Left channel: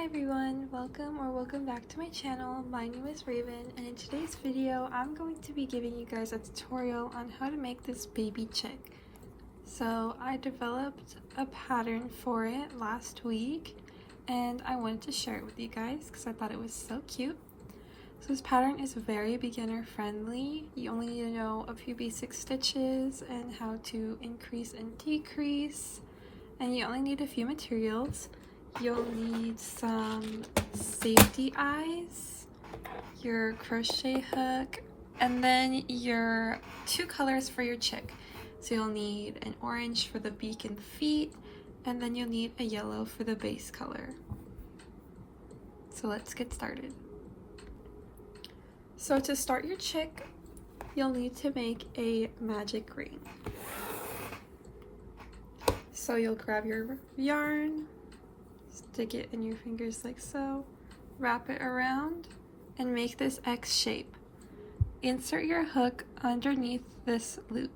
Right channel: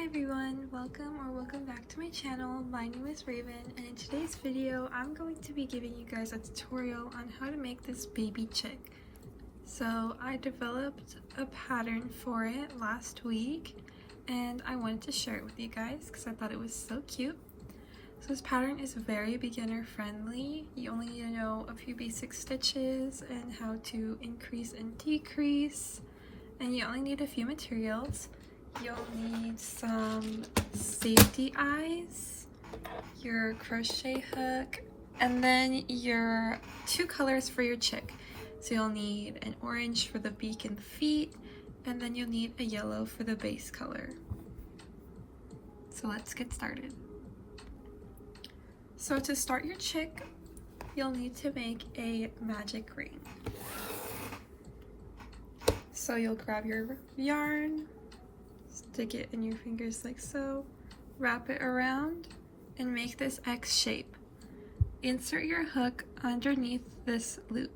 Hi everyone, welcome back to my channel. My name is Raven, and in today's video I'm going to be giving you guys a tutorial on how to make this baby chick. So I developed a pattern for it last week and I wanted to share it with you guys because I thought it was so cute. So this pattern is very beginner friendly. You only need to know a few basic stitches and how to increase and decrease, and you only need a few materials. You'll need some safety eyes, your crochet hook, and then your two colors for your chick. So you'll need an orange for the beak and feet, and then you'll need a yellow for the base color. So let's get started. So to start your chick, you'll need to make a magic ring. So you'll grab your yarn, stick it in your fingers like so, wrap it around, and make this X shape. Insert your hook underneath this loop.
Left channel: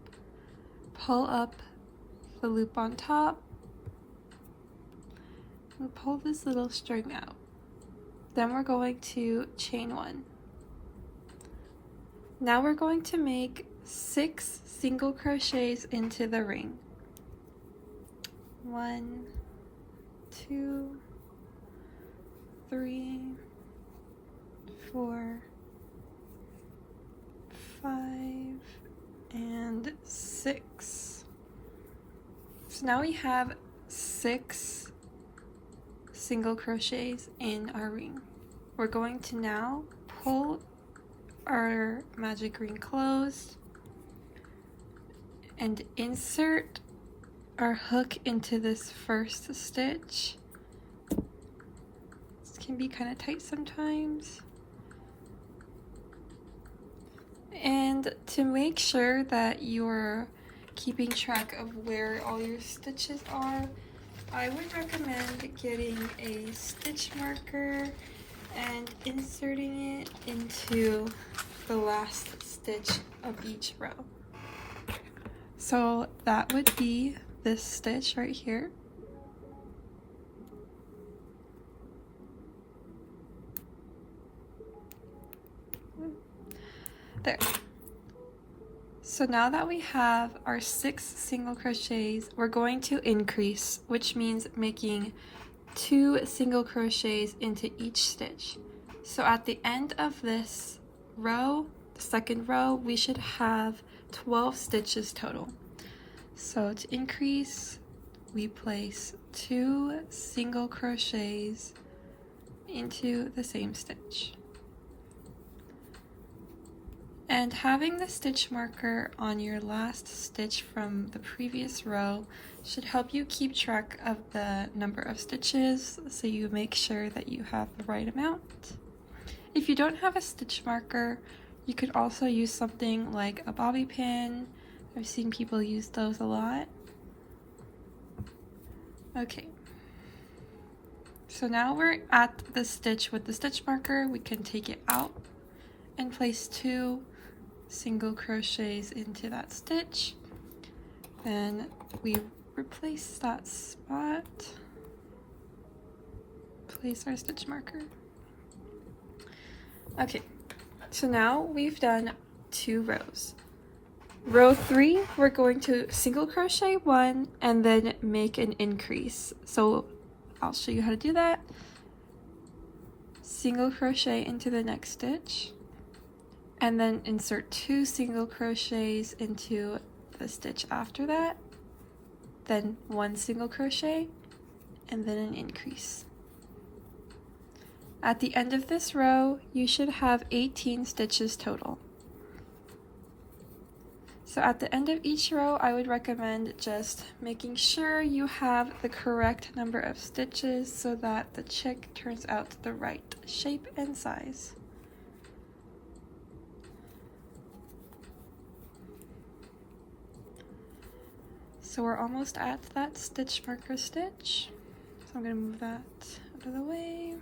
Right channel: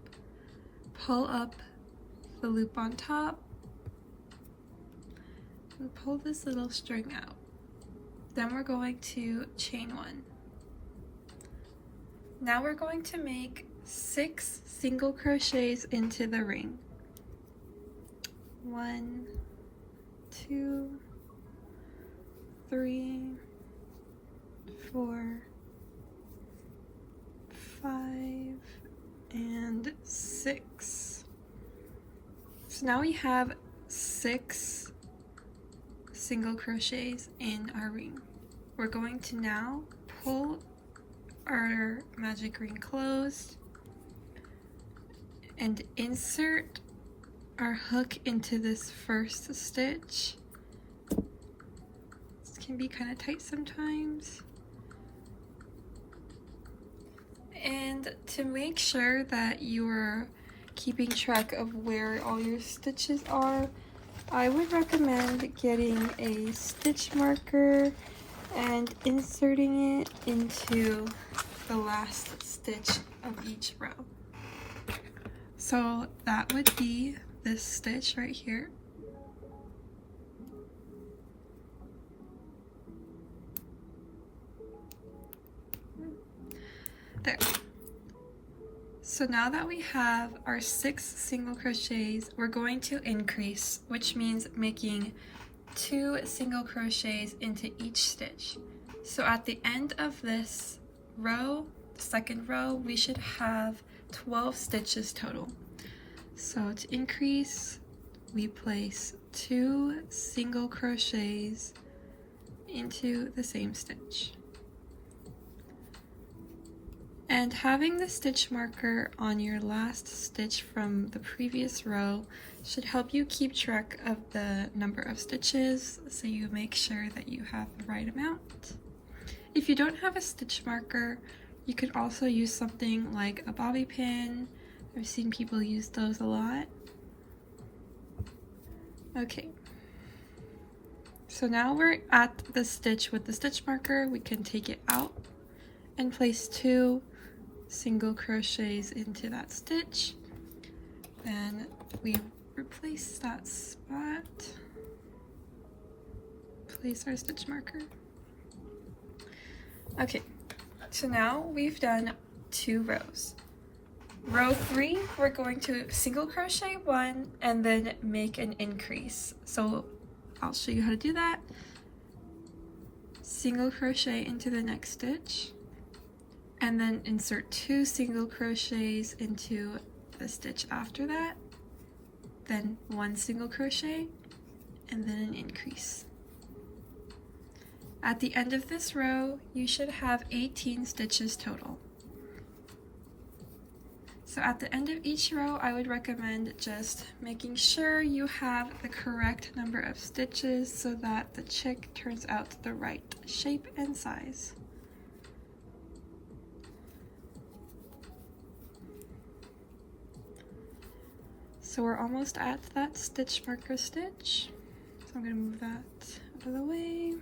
Pull up the loop on top. We'll pull this little string out. Then we're going to chain one. Now we're going to make 6 single crochets into the ring. 1, 2, 3, 4, 5, and 6. So now we have 6 single crochets in our ring. We're going to now pull our magic ring closed and insert our hook into this first stitch. This can be kind of tight sometimes. And to make sure that you're keeping track of where all your stitches are, I would recommend getting a stitch marker and inserting it into the last stitch of each row. So that would be this stitch right here. There. So now that we have our 6 single crochets, we're going to increase, which means making 2 single crochets into each stitch. So at the end of this row, the second row, we should have 12 stitches total. So to increase, we place 2 single crochets into the same stitch. And having the stitch marker on your last stitch from the previous row should help you keep track of the number of stitches, so you make sure that you have the right amount. If you don't have a stitch marker, you could also use something like a bobby pin. I've seen people use those a lot. Okay, so now we're at the stitch with the stitch marker. We can take it out and place 2 single crochets into that stitch, and we replace that spot, place our stitch marker. Okay, so now we've done 2 rows. Row 3, we're going to single crochet 1 and then make an increase. So I'll show you how to do that. Single crochet into the next stitch, and then insert 2 single crochets into the stitch after that, then 1 single crochet, and then an increase. At the end of this row, you should have 18 stitches total. So at the end of each row, I would recommend just making sure you have the correct number of stitches so that the chick turns out the right shape and size. So we're almost at that stitch marker stitch. So I'm going to move that out of the way.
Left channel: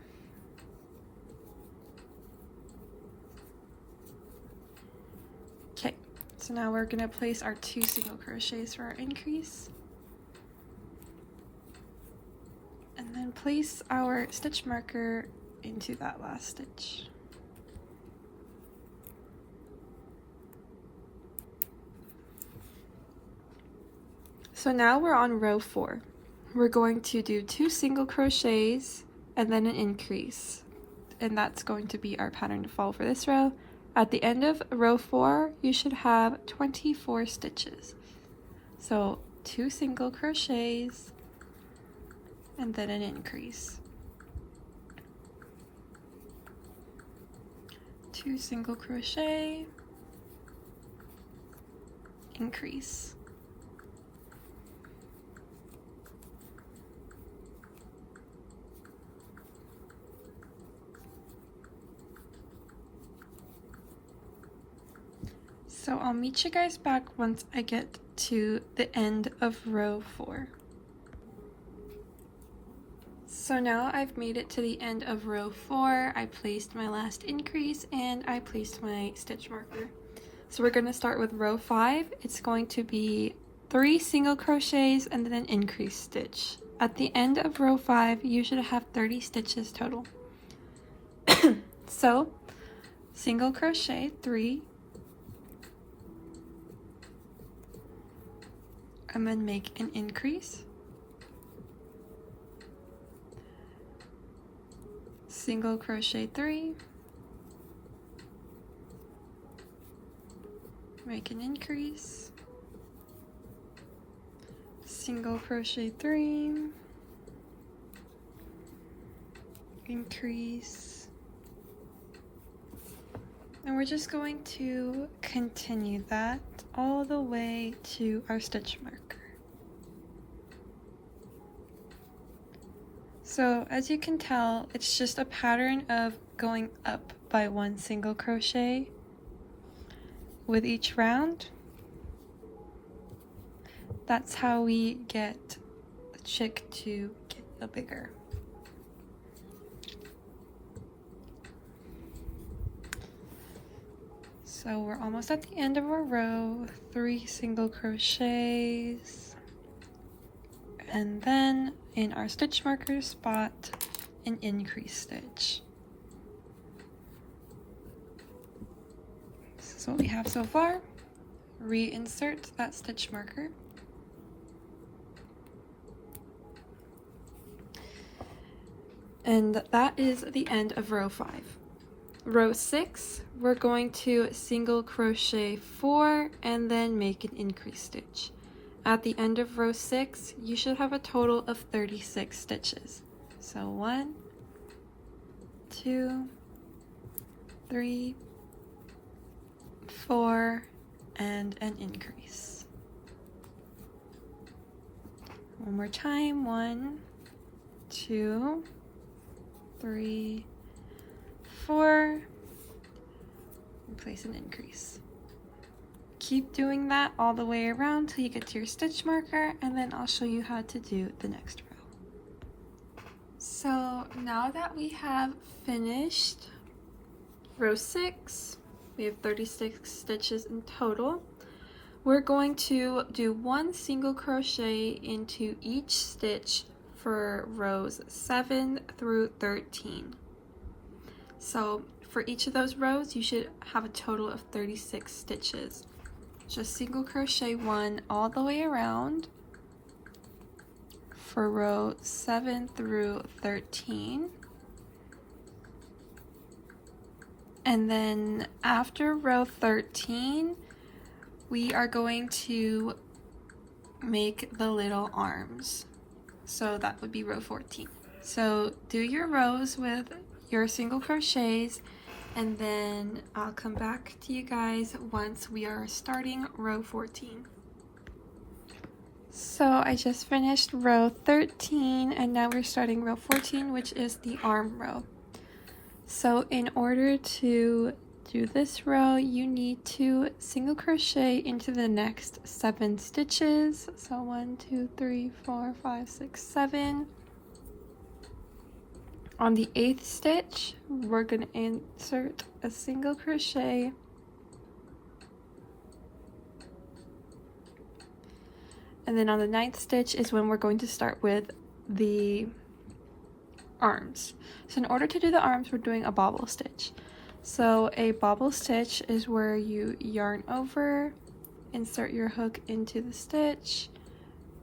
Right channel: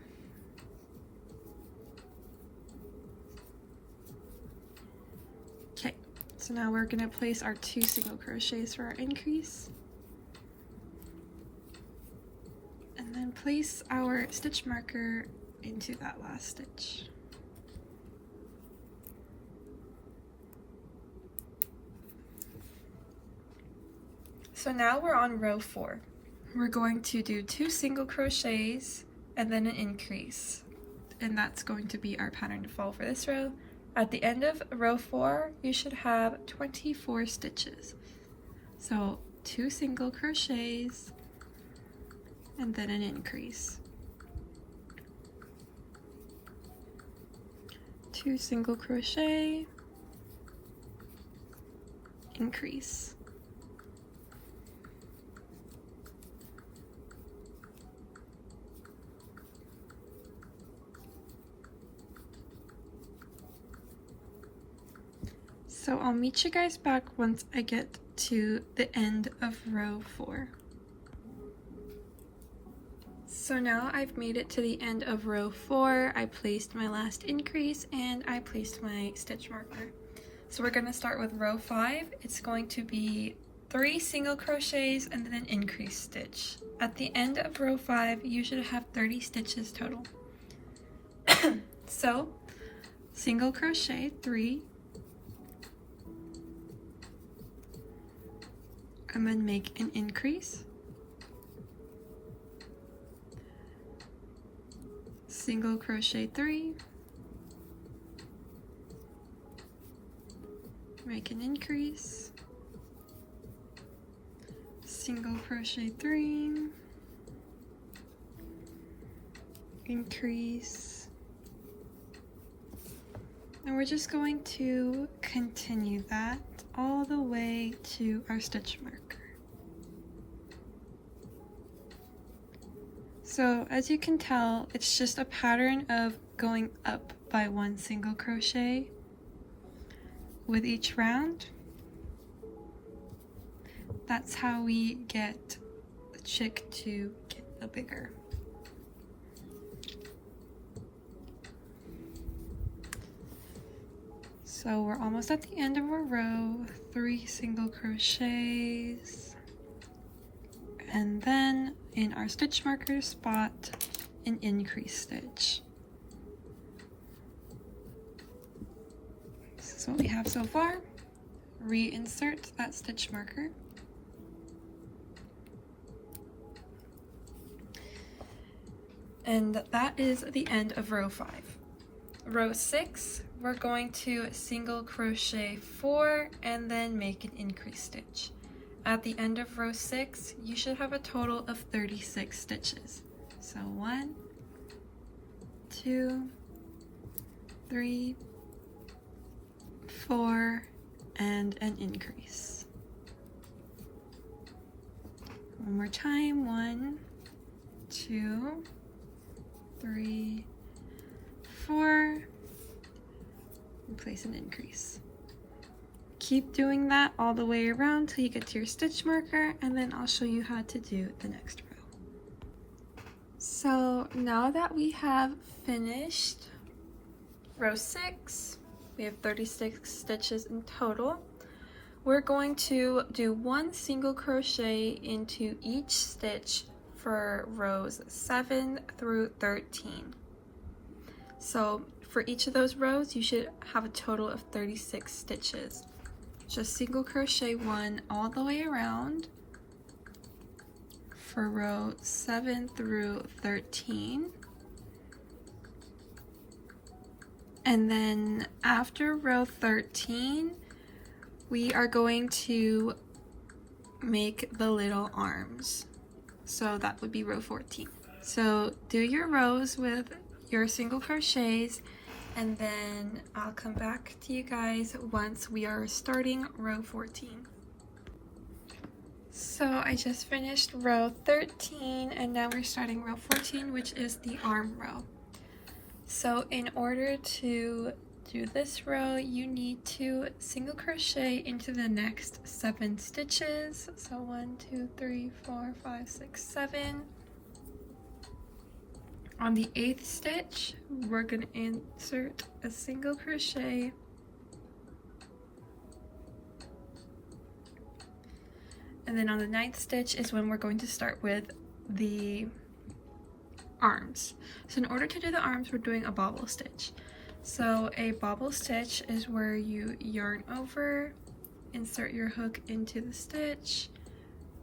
Okay, so now we're going to place our 2 single crochets for our increase. And then place our stitch marker into that last stitch. So now we're on row 4. We're going to do 2 single crochets and then an increase. And that's going to be our pattern to follow for this row. At the end of row 4, you should have 24 stitches. So 2 single crochets and then an increase. 2 single crochet, increase. So I'll meet you guys back once I get to the end of row 4. So now I've made it to the end of row 4. I placed my last increase and I placed my stitch marker. So we're going to start with row 5. It's going to be 3 single crochets and then an increase stitch. At the end of row 5, you should have 30 stitches total. So single crochet 3, and then make an increase, single crochet 3, make an increase, single crochet 3, increase, and we're just going to continue that all the way to our stitch marker. So as you can tell, it's just a pattern of going up by 1 single crochet with each round. That's how we get the chick to get a bigger. So we're almost at the end of our row, 3 single crochets, and then in our stitch marker spot, an increase stitch. This is what we have so far. Reinsert that stitch marker. And that is the end of row 5. Row 6, we're going to single crochet 4 and then make an increase stitch. At the end of row 6, you should have a total of 36 stitches. So 1, 2, 3, 4, and an increase. One more time, 1, 2, 3, 4, and place an increase. Keep doing that all the way around till you get to your stitch marker, and then I'll show you how to do the next row. So now that we have finished row 6, we have 36 stitches in total. We're going to do 1 single crochet into each stitch for rows 7 through 13. So for each of those rows, you should have a total of 36 stitches. Just single crochet 1 all the way around for row 7 through 13. And then after row 13, we are going to make the little arms. So that would be row 14. So do your rows with your single crochets, and then I'll come back to you guys once we are starting row 14. So I just finished row 13 and now we're starting row 14, which is the arm row. So in order to do this row, you need to single crochet into the next 7 stitches. So 1, 2, 3, 4, 5, 6, 7. On the 8th stitch, we're going to insert a single crochet and then on the 9th stitch is when we're going to start with the arms. So in order to do the arms, we're doing a bobble stitch. So a bobble stitch is where you yarn over, insert your hook into the stitch,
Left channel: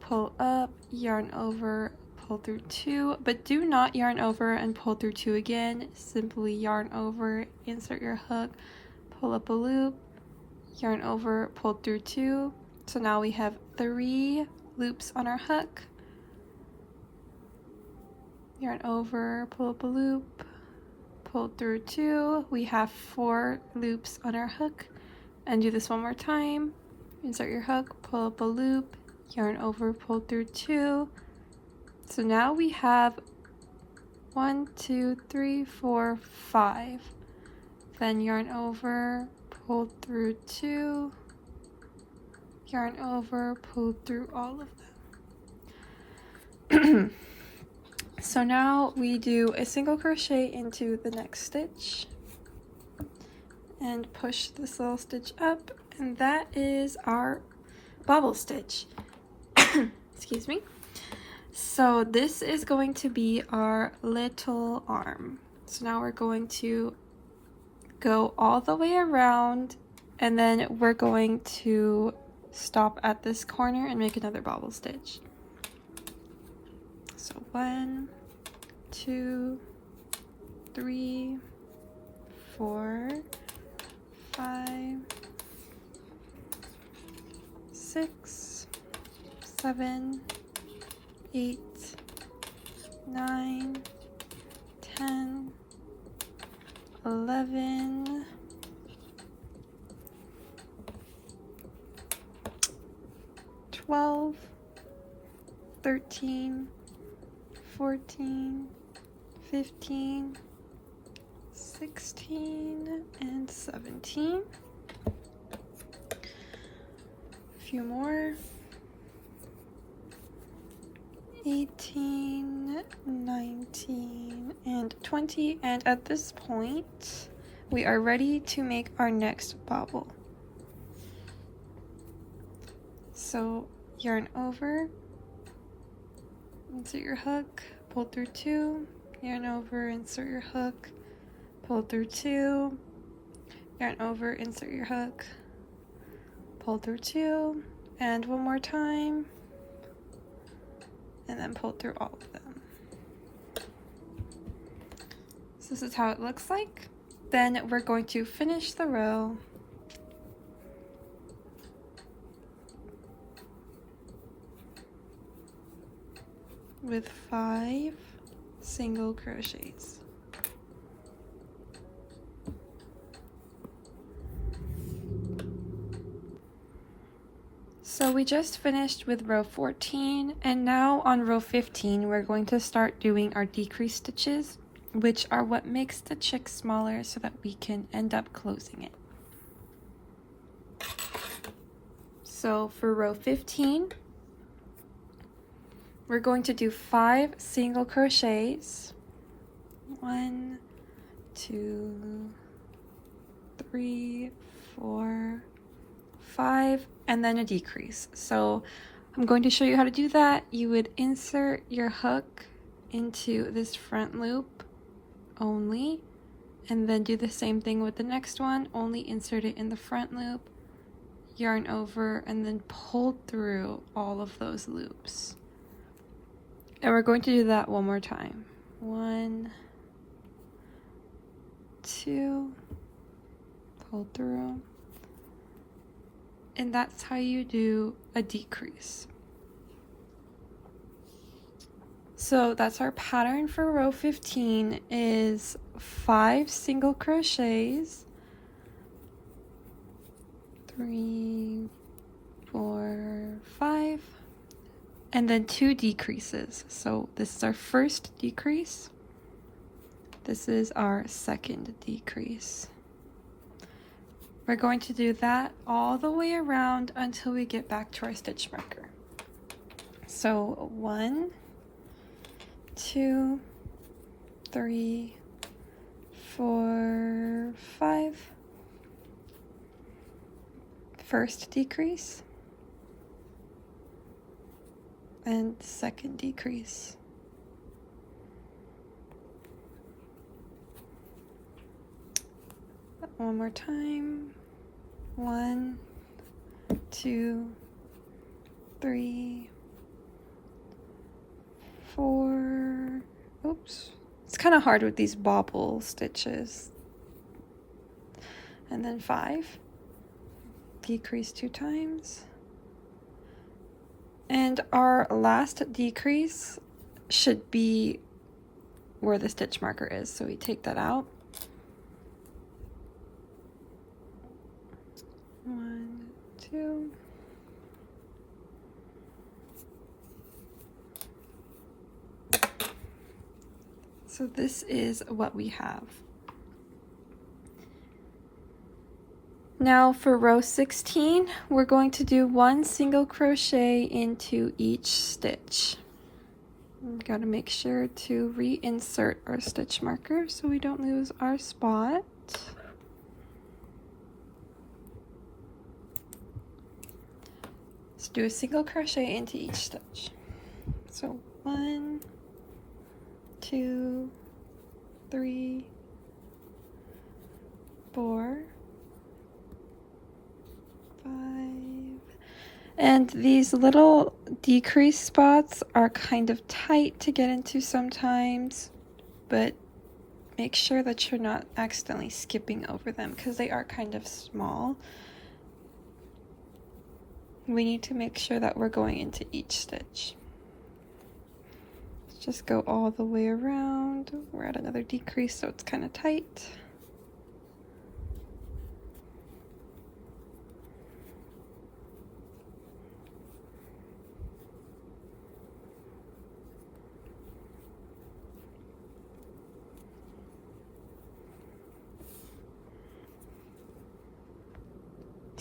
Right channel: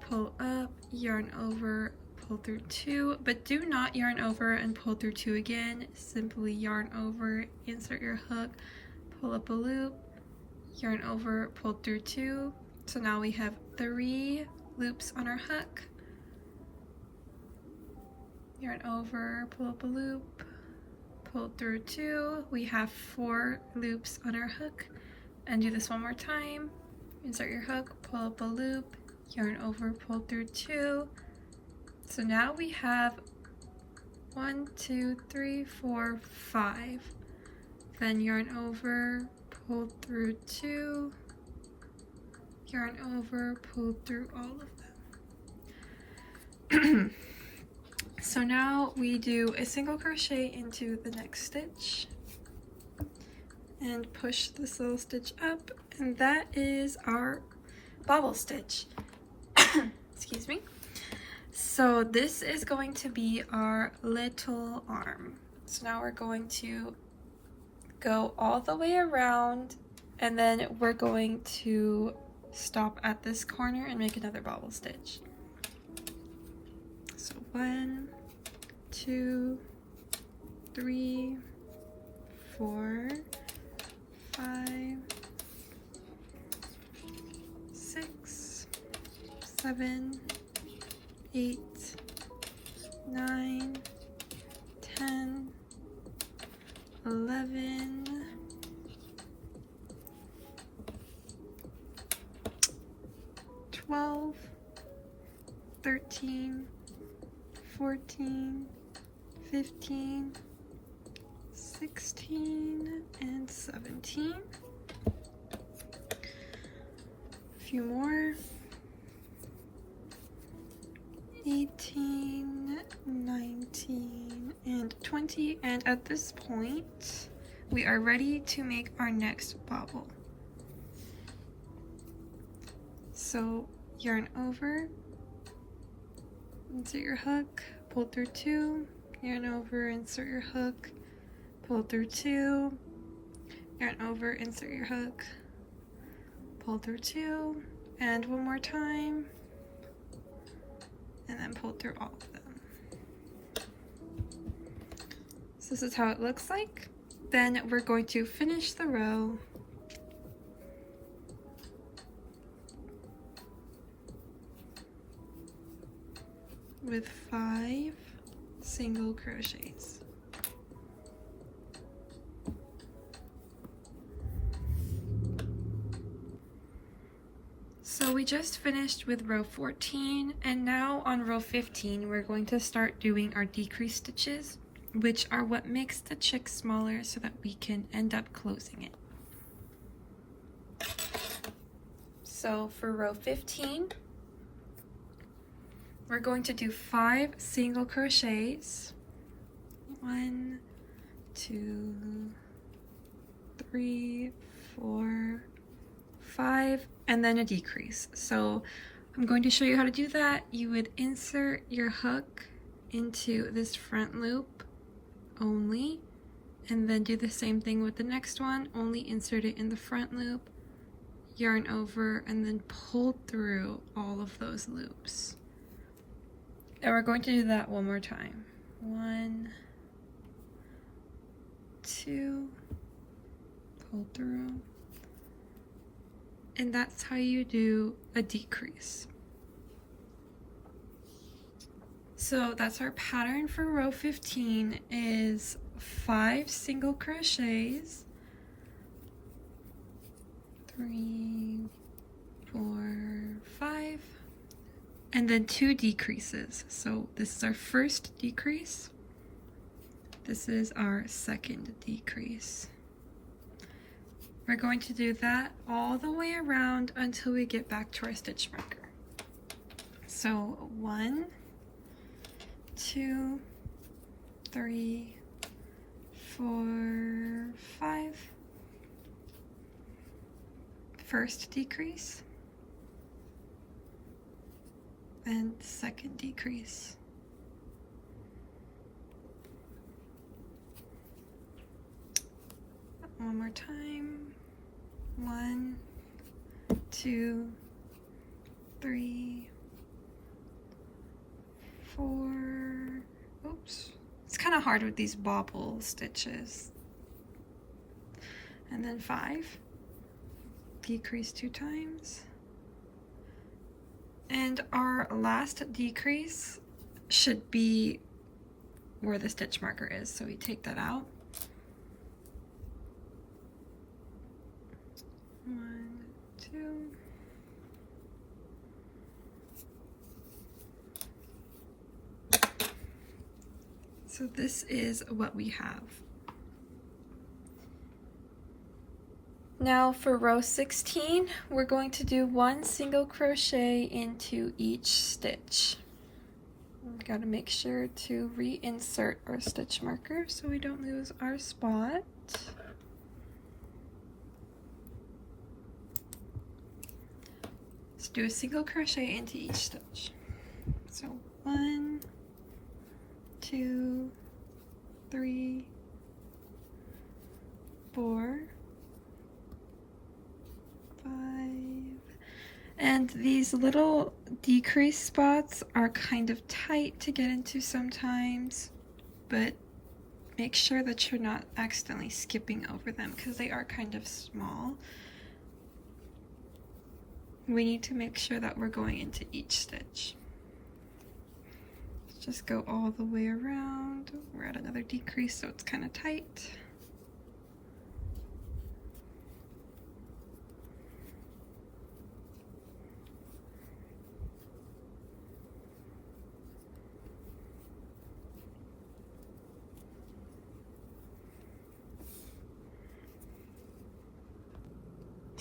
pull up, yarn over, pull through 2, but do not yarn over and pull through 2 again. Simply yarn over, insert your hook, pull up a loop, yarn over, pull through 2. So now we have 3 loops on our hook. Yarn over, pull up a loop, pull through 2. We have 4 loops on our hook. And do this one more time. Insert your hook, pull up a loop, yarn over, pull through 2. So now we have 1, 2, 3, 4, 5. Then yarn over, pull through 2, yarn over, pull through all of them. So now we do a single crochet into the next stitch and push this little stitch up, and that is our bobble stitch. Excuse me. So this is going to be our little arm. So now we're going to go all the way around, and then we're going to stop at this corner and make another bobble stitch. So 1, 2, 3, 4, 5, 6, 7, 8, 9, 10, 11, 12, 13, 14, 15, 16, and 17. A few more. 18, 19, and 20. And at this point, we are ready to make our next bobble. So yarn over, insert your hook, pull through 2, yarn over, insert your hook, pull through 2, yarn over, insert your hook, pull through 2, and one more time, and then pull through all of them. So this is how it looks like. Then we're going to finish the row with 5 single crochets. So we just finished with row 14, and now on row 15 we're going to start doing our decrease stitches, which are what makes the chick smaller so that we can end up closing it. So for row 15, we're going to do 5 single crochets. 1, 2, 3, 4, 5, and then a decrease. So I'm going to show you how to do that. You would insert your hook into this front loop only, and then do the same thing with the next one, only insert it in the front loop, yarn over, and then pull through all of those loops. And we're going to do that one more time. 1, 2, pull through. And that's how you do a decrease. So that's our pattern for row 15 is 5 single crochets, 3, 4, 5, and then 2 decreases. So this is our first decrease. This is our second decrease. We're going to do that all the way around until we get back to our stitch marker. So 1, 2, 3, 4, 5. First decrease and second decrease. One more time. 1, 2, 3, 4. Oops. It's kind of hard with these bobble stitches. And then 5. Decrease 2 times. And our last decrease should be where the stitch marker is. So we take that out. 1, 2. So this is what we have. Now for row 16, we're going to do 1 single crochet into each stitch. We gotta make sure to reinsert our stitch marker so we don't lose our spot. Let's do a single crochet into each stitch. So 1, 2, 3, 4, 5. And these little decrease spots are kind of tight to get into sometimes, but make sure that you're not accidentally skipping over them because they are kind of small. We need to make sure that we're going into each stitch. Let's just go all the way around. We're at another decrease, so it's kind of tight.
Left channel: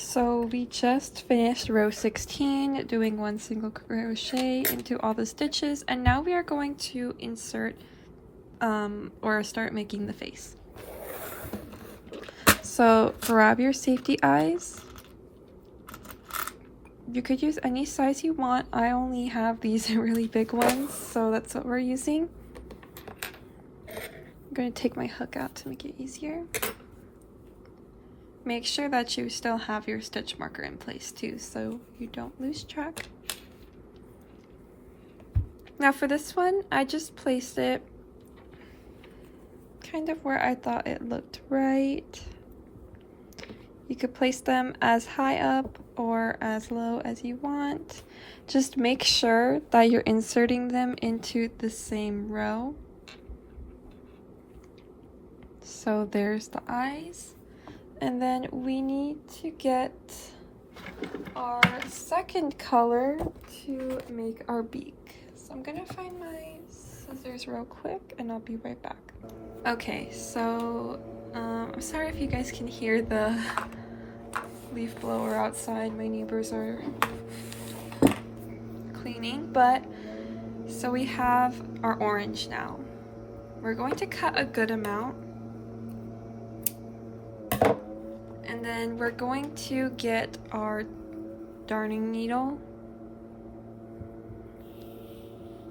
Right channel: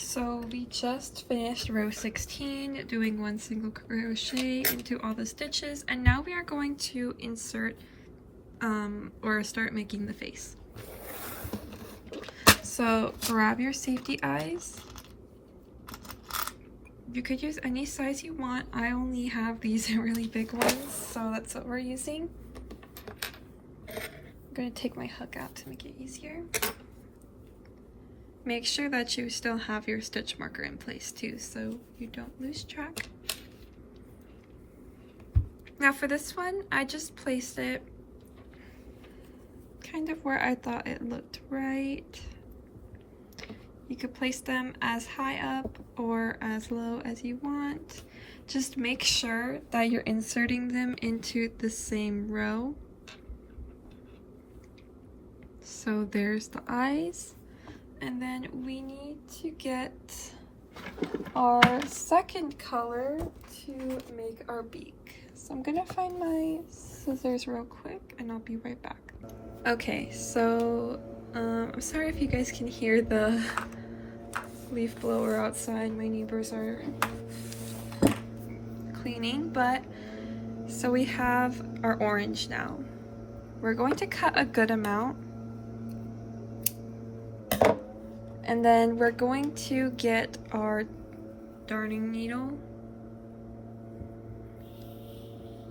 So we just finished row 16 doing 1 single crochet into all the stitches, and now we are going to insert or start making the face. So grab your safety eyes. You could use any size you want. I only have these really big ones, so that's what we're using. I'm going to take my hook out to make it easier. Make sure that you still have your stitch marker in place too, so you don't lose track. Now for this one, I just placed it kind of where I thought it looked right. You could place them as high up or as low as you want. Just make sure that you're inserting them into the same row. So there's the eyes. And then we need to get our second color to make our beak. So I'm gonna find my scissors real quick and I'll be right back. Okay, so I'm sorry if you guys can hear the leaf blower outside. My neighbors are cleaning, but so we have our orange now. We're going to cut a good amount. And then we're going to get our darning needle.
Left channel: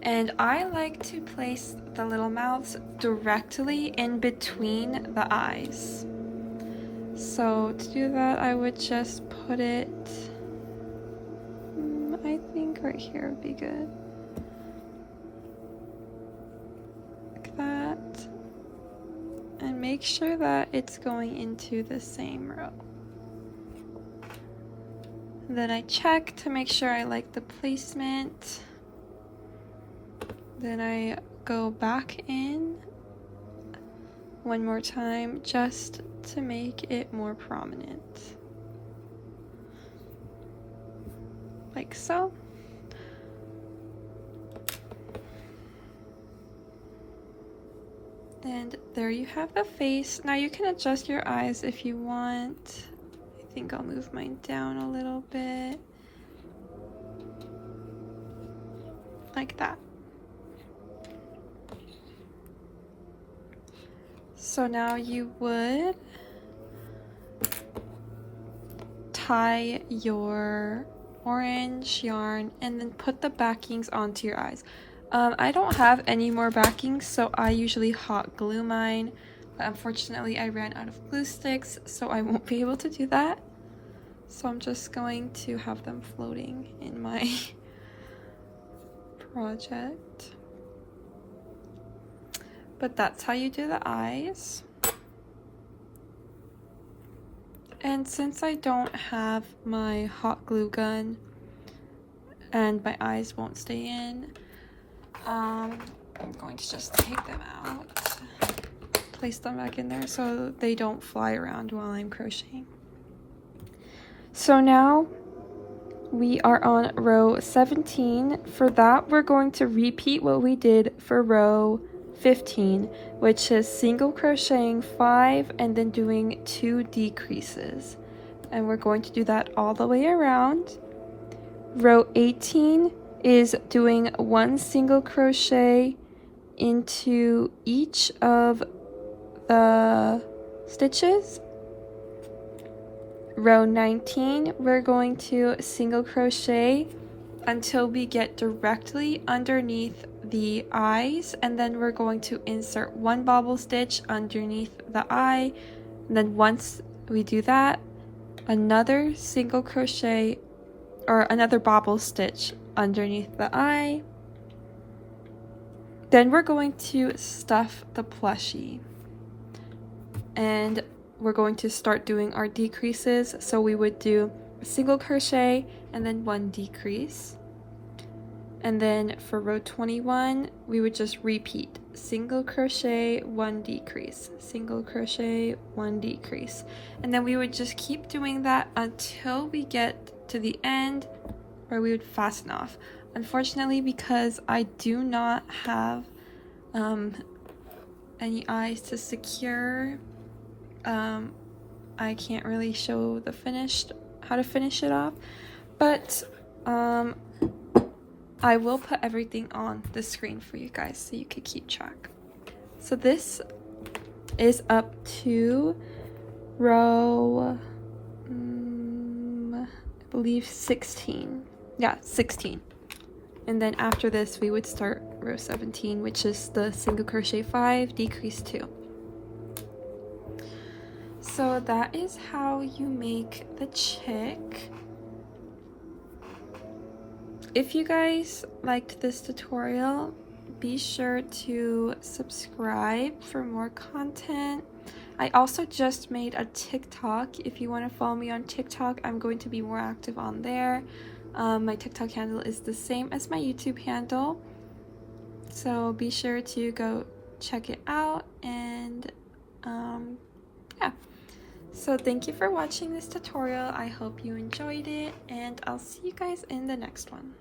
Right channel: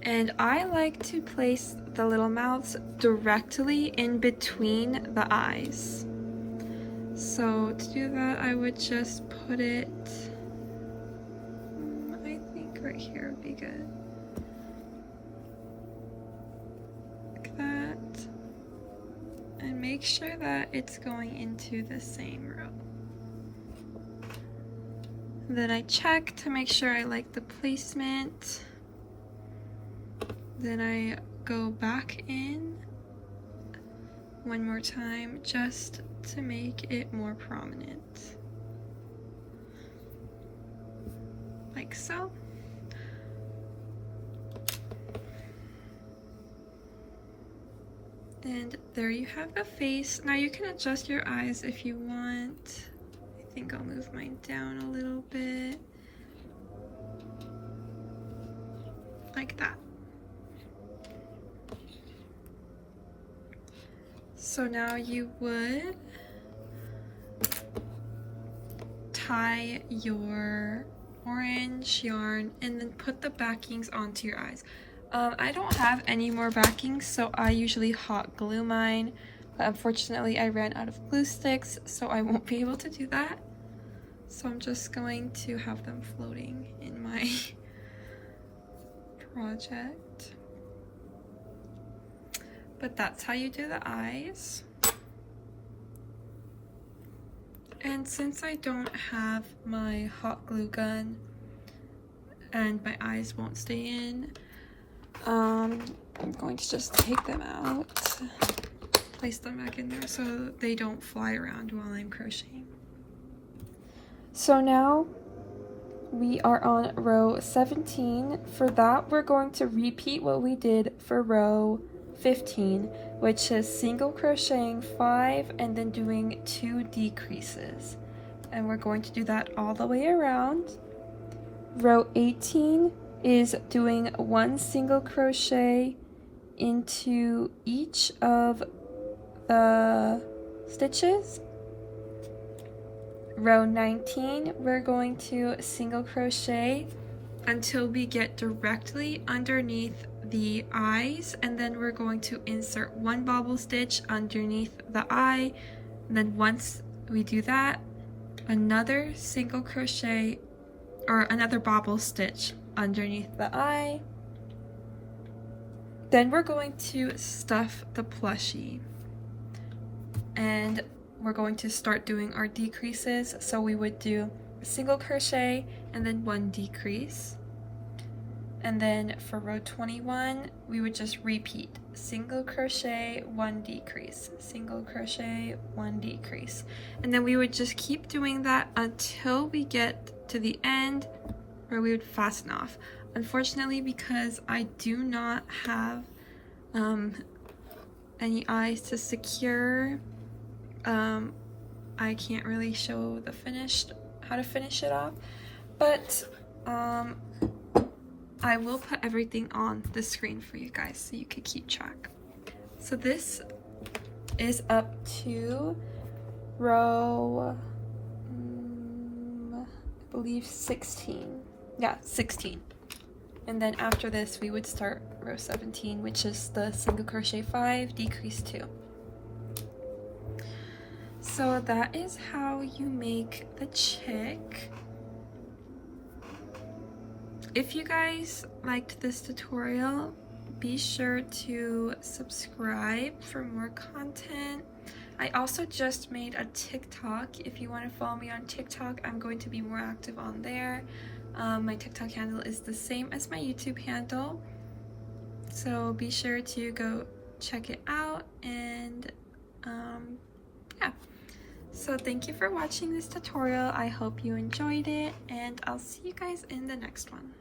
And I like to place the little mouths directly in between the eyes. So to do that, I would just put it, I think right here would be good. Like that. And make sure that it's going into the same row. And then I check to make sure I like the placement. Then I go back in one more time just to make it more prominent. Like so. And there you have the face. Now you can adjust your eyes if you want. I think I'll move mine down a little bit. Like that. So now you would tie your orange yarn and then put the backings onto your eyes. I don't have any more backings, so I usually hot glue mine, but unfortunately I ran out of glue sticks, so I won't be able to do that. So I'm just going to have them floating in my project. But that's how you do the eyes. And since I don't have my hot glue gun and my eyes won't stay in, I'm going to just take them out, place them back in there so they don't fly around while I'm crocheting. So now we are on row 17. For that, we're going to repeat what we did for row 15, which is single crocheting 5 and then doing 2 decreases. And we're going to do that all the way around. Row 18 is doing 1 single crochet into each of the stitches. Row 19, we're going to single crochet until we get directly underneath the eyes, and then we're going to insert 1 bobble stitch underneath the eye, and then once we do that, another single crochet or another bobble stitch underneath the eye. Then we're going to stuff the plushie, and we're going to start doing our decreases. So we would do a single crochet and then 1 decrease. And then for row 21, we would just repeat single crochet, 1 decrease, single crochet, 1 decrease. And then we would just keep doing that until we get to the end where we would fasten off. Unfortunately, because I do not have any eyes to secure, I can't really show the how to finish it off, but I will put everything on the screen for you guys so you can keep track. So this is up to row, I believe 16. Yeah, 16. And then after this, we would start row 17, which is the single crochet 5, decrease 2. So that is how you make the chick. If you guys liked this tutorial, be sure to subscribe for more content. I also just made a TikTok. If you want to follow me on TikTok, I'm going to be more active on there. My TikTok handle is the same as my YouTube handle, so be sure to go check it out. And yeah, so thank you for watching this tutorial. I hope you enjoyed it, and I'll see you guys in the next one.